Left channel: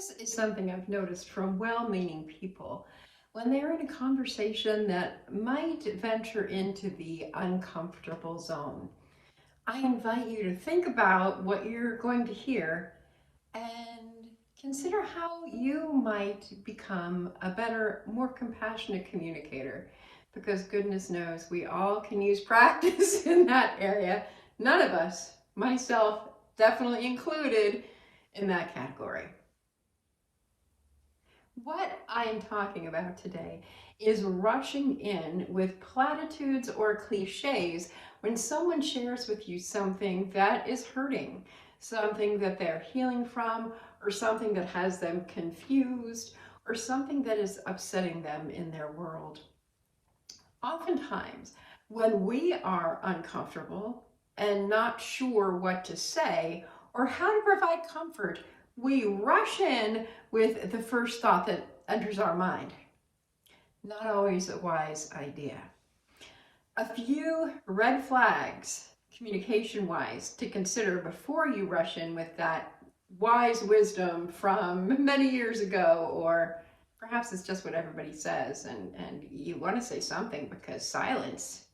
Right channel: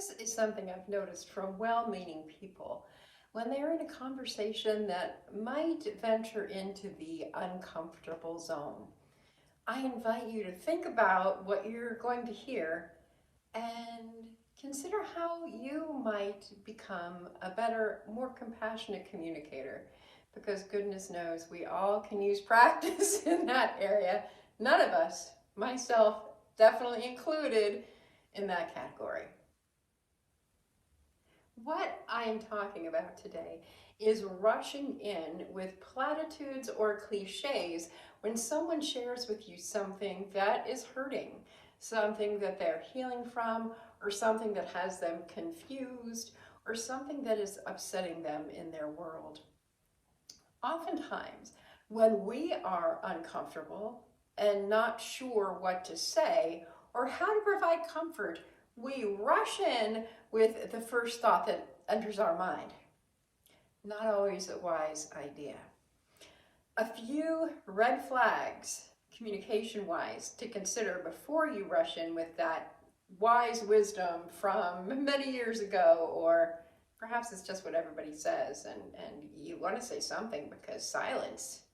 This is something I've noticed from well-meaning people. When they're in a conversation that might venture into the uncomfortable zone, I invite you to think about what you're going to hear and consider how you might become a better, more compassionate communicator. Because goodness knows we all can use practice in that area. None of us, myself definitely included, in that category. What I am talking about today is rushing in with platitudes or cliches when someone shares with you something that is hurting, something that they're healing from, or something that has them confused, or something that is upsetting them in their world. Oftentimes, when we are uncomfortable and not sure what to say or how to provide comfort, we rush in with the first thought that enters our mind. Not always a wise idea. A few red flags, communication-wise, to consider before you rush in with that wise wisdom from many years ago, or perhaps it's just what everybody says and you want to say something because silence.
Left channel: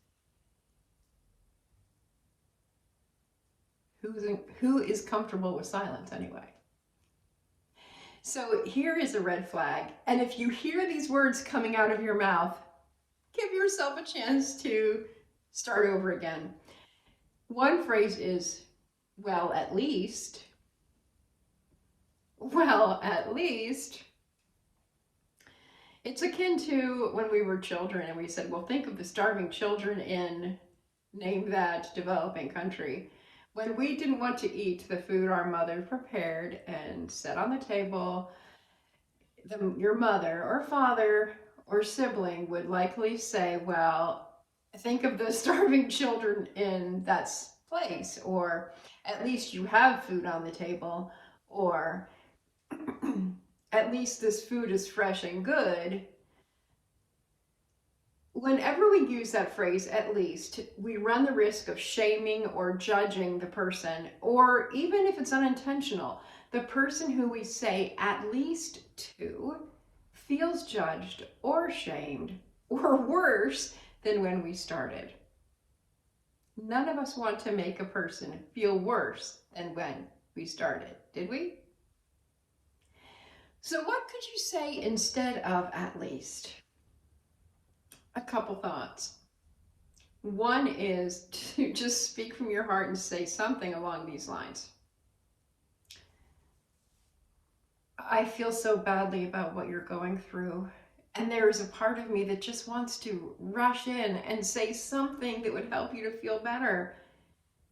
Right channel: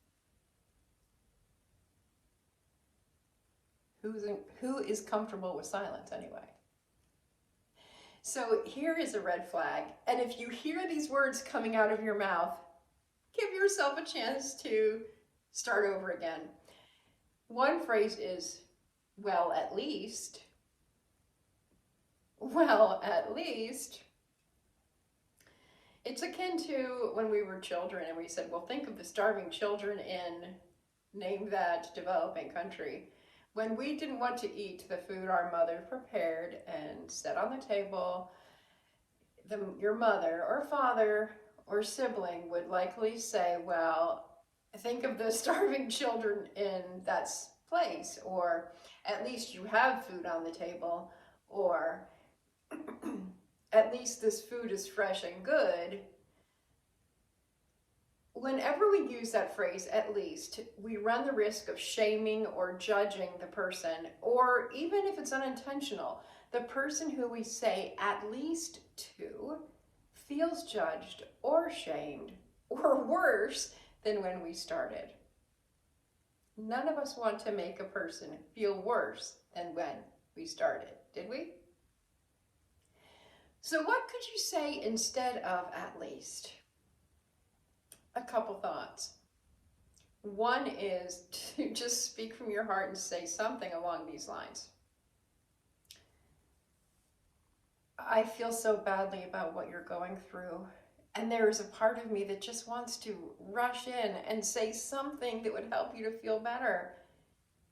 Who is comfortable with silence anyway? So here is a red flag. And if you hear these words coming out of your mouth, give yourself a chance to start over again. One phrase is, well, at least. Well, at least. It's akin to when we were children and we said, well, think of the starving children in name that developing country. When we didn't want to eat the food our mother prepared and set on the table, your mother or father or sibling would likely say, well, think of the starving children in that place, or at least you have food on the table, or at least this food is fresh and good. Whenever we use that phrase, at least, we run the risk of shaming or judging the person, or even if it's unintentional, the person who we say at least to feels judged or shamed, or worse than when we started. None of us want to make a person feel worse than when we started, did we? So what could you say instead of at least? A couple thoughts. One is to just speak from your heart and say something along these lines. I feel so badly about what you're going through, and there is a part of me that just wants to rush in and say something that would help you to feel better.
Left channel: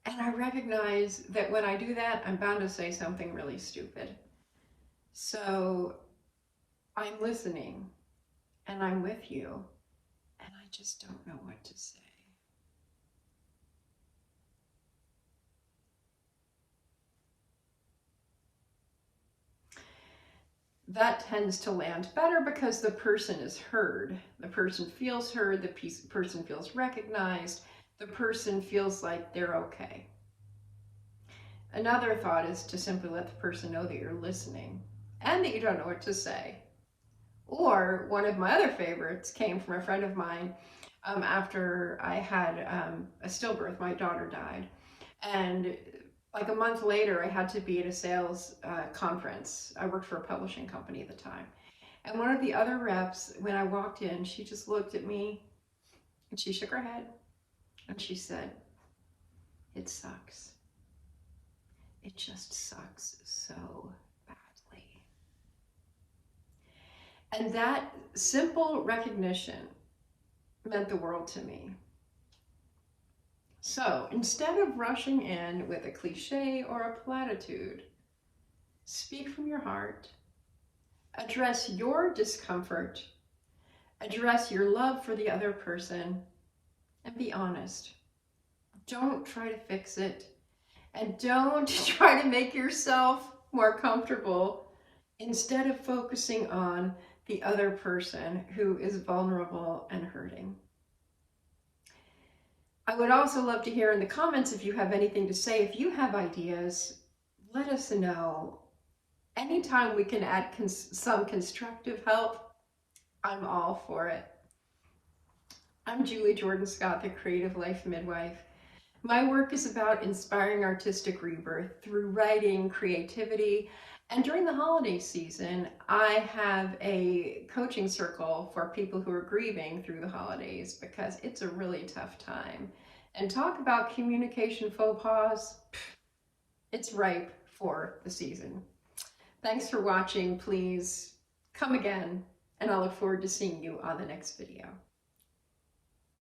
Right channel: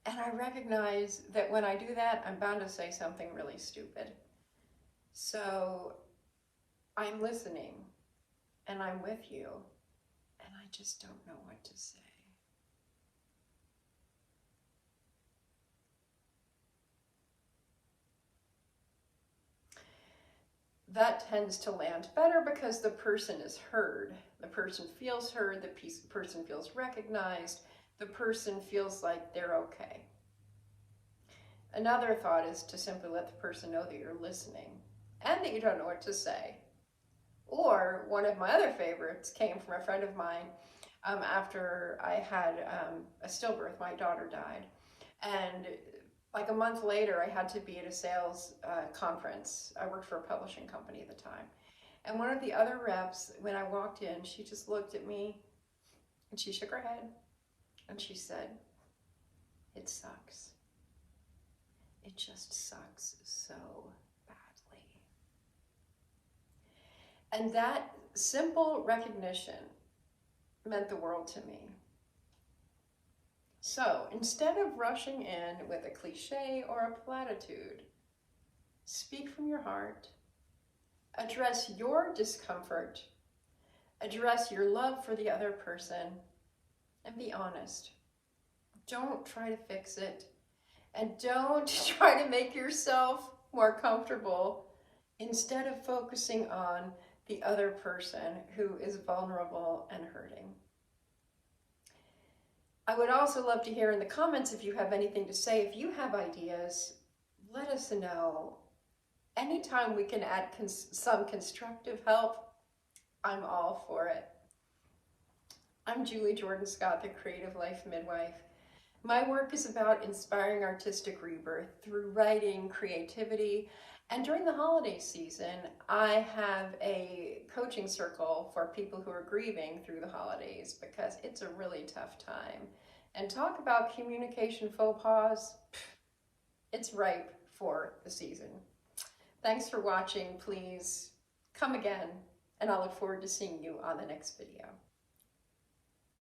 And I recognize that when I do that, I'm bound to say something really stupid. So I'm listening and I'm with you. And I just don't know what to say. That tends to land better because the person is heard. The person feels heard, the person feels recognized, the person feels like they're okay. Another thought is to simply let the person know that you're listening and that you don't know what to say. Or one of my other favorites came from a friend of mine after I had a stillbirth. My daughter died. And like a month later, I had to be at a sales conference. I worked for a publishing company at the time. And one of the other reps, when I walked in, she just looked at me and she shook her head and she said, "It sucks. It just sucks so badly." And that simple recognition meant the world to me. So instead of rushing in with a cliche or a platitude, speak from your heart, address your discomfort, address your love for the other person, and be honest. Don't try to fix it, and don't try to make yourself more comfortable instead of focusing on the other person who is vulnerable and hurting. I would also love to hear in the comments if you have anything to say. If you have ideas, let us know. anytime we can add some constructive help, I'm all for it. I'm Julie Jordan Scott, the Creative Life Midwife. My work is about inspiring artistic rebirth through writing, creativity, and during the holiday season, I have a coaching circle for people who are grieving through the holidays because it's a really tough time. And talk about communication faux pas, it's ripe for the season. Thanks for watching. Please come again, and I look forward to seeing you on the next video.